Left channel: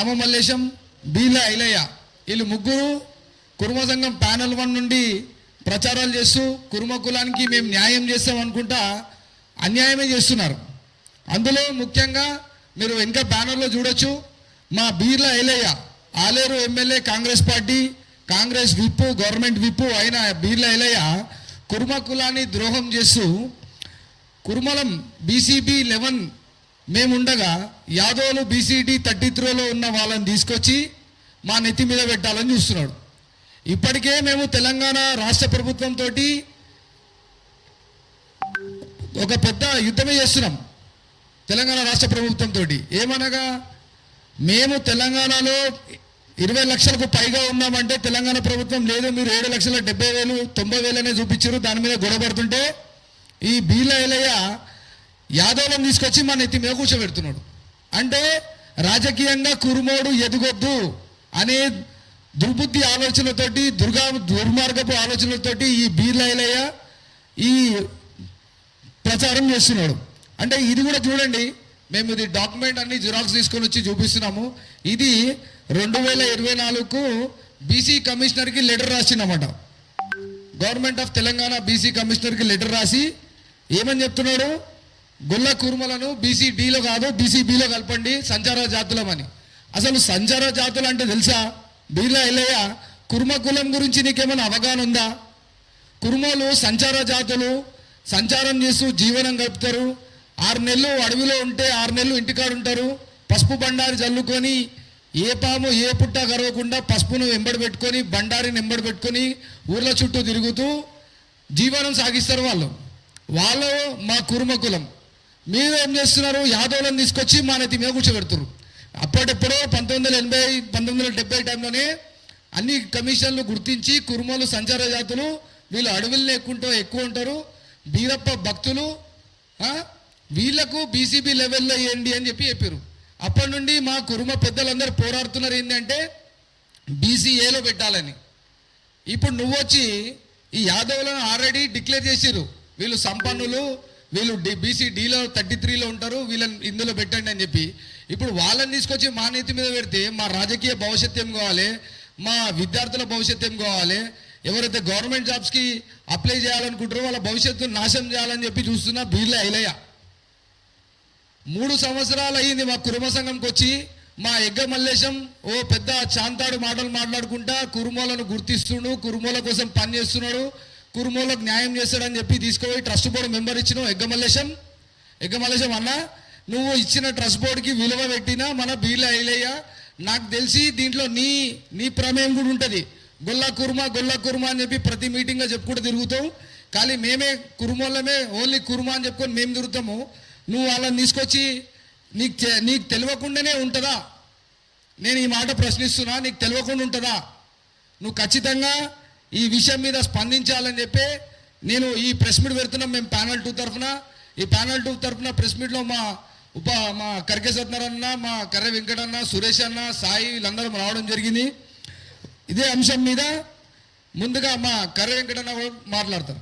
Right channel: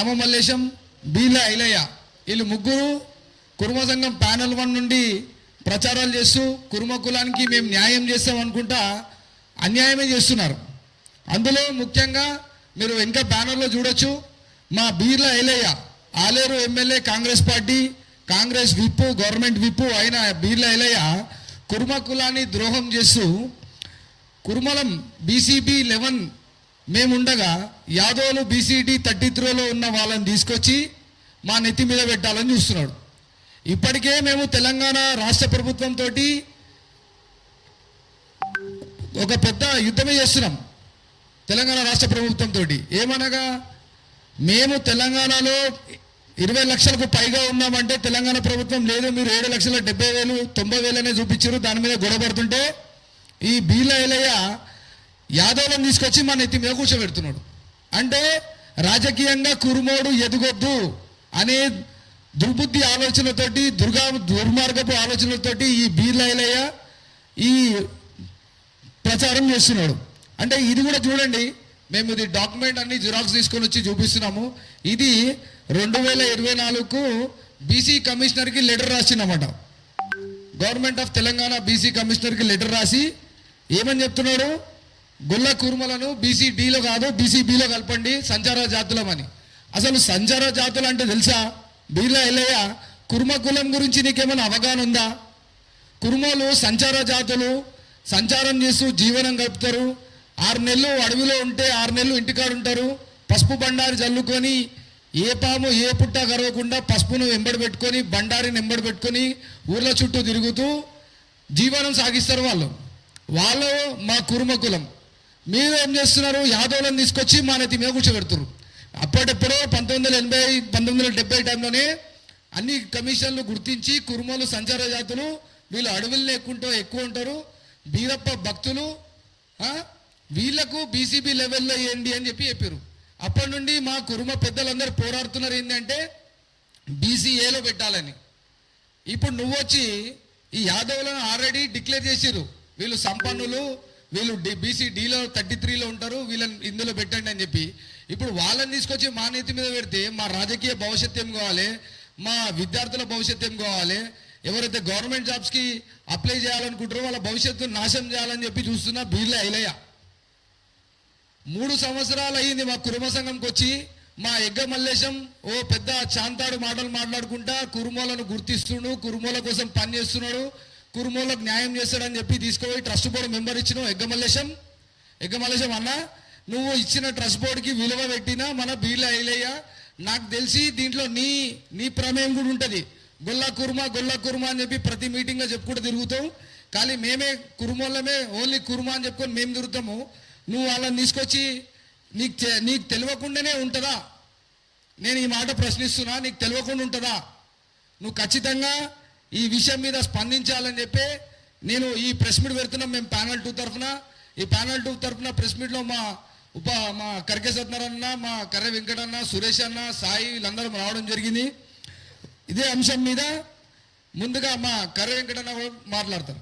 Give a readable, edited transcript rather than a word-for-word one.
రామమల్లేశం, బీర్ల ఐలయ్య, వీళ్ళు ముగ్గురు కుర్మ సంఘం ప్యానెల్ 1 నుండి ప్రచారాలు చేస్తూ కుర్మ కులానికి మేము న్యాయం చేస్తాం అనుకుంటా అన్యాయమే చేస్తున్నారు. అందులో ముఖ్యంగా మీరు ఇంకా బ్యానర్లో చూడొచ్చు, మా Beerla Ailaiah Aleru MLA, Congress party, Congress whip, government whip అయిన బీర్ల ఐలయ్య కుర్మ కులాన్ని ద్రోహం చేస్తూ కుర్మలం బీసీబీ 11 మేముండగా యాదవులు బీసీడీ 33లో ఉన్న వాళ్ళని తీసుకొచ్చి మా నెత్తి మీద పెట్టాలని చూస్తున్నాడు. ఇప్పటికే మేము తెలంగాణ రాష్ట్ర ప్రభుత్వంతో ఒక పెద్ద యుద్ధమే చేస్తున్నాం. తెలంగాణ రాష్ట్ర ప్రభుత్వంతో ఏమనగా, మేము తెలంగాణలో 20 లక్షలకు పైగా ఉన్నామంటే తెలంగాణ ప్రభుత్వం లేదు, మీరు 7,70,000 90,000 చూపించారు. దాని మీద గొడవపడుతుంటే ఈ బీర్ల ఐలయ్య యాదవులను తీసుకొచ్చి మా నెత్తి మీద కూర్చోబెడుతున్నాడు. అంటే రాజకీయంగా కురుమోడు ఎదగొద్దు అనే దుర్బుద్ధి ఆలోచనతోటి, దుర్మార్గపు ఆలోచనతోటి ఈ బీర్ల ఐలయ్య ఈ ప్రచారం చేస్తున్నాడు. అంటే ఇది కూడా చూడండి, మేము ఇది డాక్యుమెంట్ అన్ని జిరాక్స్ తీసుకొని వచ్చి చూపిస్తున్నాము. ఇది 2024కు బీసీ కమిషనర్కి లెటర్ రాసిందన్నమాట. గవర్నమెంట్ ఆఫ్ తెలంగాణ బీసీ కమిషనర్కి లెటర్ రాసి ఏమని చెప్తున్నాడు, గొల్ల కుర్మలను బీసీడీలో కాదు బీసీబీలో కలపండి సంచార జాతులమని. అసలు సంచార జాతులు అంటే తెలుసా బీర్ల ఐలయ్య? కుర్మ కులం గురించి నీకేమైనా అవగాహన ఉందా? కుర్మలు సంచార జాతులు, సంచారం చేస్తూ జీవనం గడుపుతారు. 6 నెలలు అడవిలో ఉంటే 6 నెలలు ఇంటికాడు ఉంటారు. పసుపు బండారి జల్లుకొని ఏ పాము ఏ పుట్ట కరవకుండా పసుపును వెంబడి పెట్టుకొని బండారిని వెంబడి పెట్టుకొని ఊర్ల చుట్టూ తిరుగుతూ జీవనం సాగిస్తారు వాళ్ళు మా కుర్మ కులం. మీరు ఏం చేస్తున్నారు, యాదవులను తీసుకొచ్చి మా నెత్తి మీద కూర్చోబెడుతున్నారు. అప్పటిప్పుడో 1980 1970 టైంలోనే అన్ని కమిషన్లు గుర్తించి కుర్మలు సంచార జాతులు, వీళ్ళు అడవుల్లో ఎక్కువ ఉంటారు, బీరప్ప భక్తులు, వీళ్లకు బీసీబీ లెవెల్లో వేయండి అని చెప్పారు. అప్పటి నుండి మా కుర్మ పెద్దలందరూ పోరాడుతున్నారు ఏంటంటే బీసీఏలో పెట్టాలని. ఇప్పుడు నువ్వు వచ్చి ఈ యాదవులను ఆల్రెడీ డిక్లేర్ చేసారు, వీళ్ళు సంపన్నులు, వీళ్ళు బీసీడీలో 33లో ఉంటారు, వీళ్ళని ఇందులో పెట్టండి అని చెప్పి. ఇప్పుడు వాళ్ళని తీసుకొచ్చి మా నెత్తి మీద పెడితే మా రాజకీయ భవిష్యత్తు ఏం కావాలి, మా విద్యార్థుల భవిష్యత్తు ఏం కావాలి, ఎవరైతే గవర్నమెంట్ జాబ్స్ కి అప్లై చేయాలనుకుంటారో వాళ్ళ భవిష్యత్తు నాశనం చేయాలని చెప్పి చూస్తున్న బీర్ల ఐలయ్య. 3 సంవత్సరాలు అయ్యింది మా కుర్మ సంఘంకి వచ్చి. మా ఎగ్గ మల్లేశం ఓ పెద్ద చాంతాడు మాటలు మాట్లాడుకుంటా కుర్మోలను గుర్తిస్తున్నాడు, కుర్మోల కోసం పని చేస్తున్నాడు, కుర్మోలకు న్యాయం చేస్తాడని చెప్పి తీసుకుపోయి ట్రస్ట్ బోర్డు మెంబర్ ఇచ్చినావు ఎగ్గ మల్లేశం అన్న. నువ్వు ఇచ్చిన ట్రస్ట్ బోర్డుకి విలువ పెట్టినా మన బీర్ల ఐలయ్య, నాకు తెలిసి దీంట్లో నీ ప్రమేయం కూడా ఉంటుంది. గొల్ల కుర్మ అని చెప్పి ప్రతి మీటింగ్ గా చెప్పుకుంటూ తిరుగుతావు. కానీ మేమే కుర్మోళ్ళమే, ఓన్లీ కుర్మ అని చెప్పుకొని మేము తిరుగుతాము. నువ్వు వాళ్ళని తీసుకొచ్చి నీకు తెలియకుండానే ఉంటుందా? నేను ఈ మాట ప్రశ్నిస్తున్నా, నీకు తెలియకుండా ఉంటుందా? నువ్వు ఖచ్చితంగా ఈ విషయం మీద స్పందించాలని చెప్పి నేను ఈ ప్రెస్ మీట్ పెడుతున్నాం మేము ప్యానల్ 2 తరఫున. ఈ ప్యానల్ 2 తరఫున ప్రెస్ మీట్ లో మా కర్కే సత్యనారాయణ, మా కర్రె వెంకటన్న, సురేష్ అన్న, సాయి వీళ్ళందరూ రావడం జరిగింది. ఇదే అంశం మీద ముందుగా మా కర్రె వెంకటన్న మాట్లాడతారు.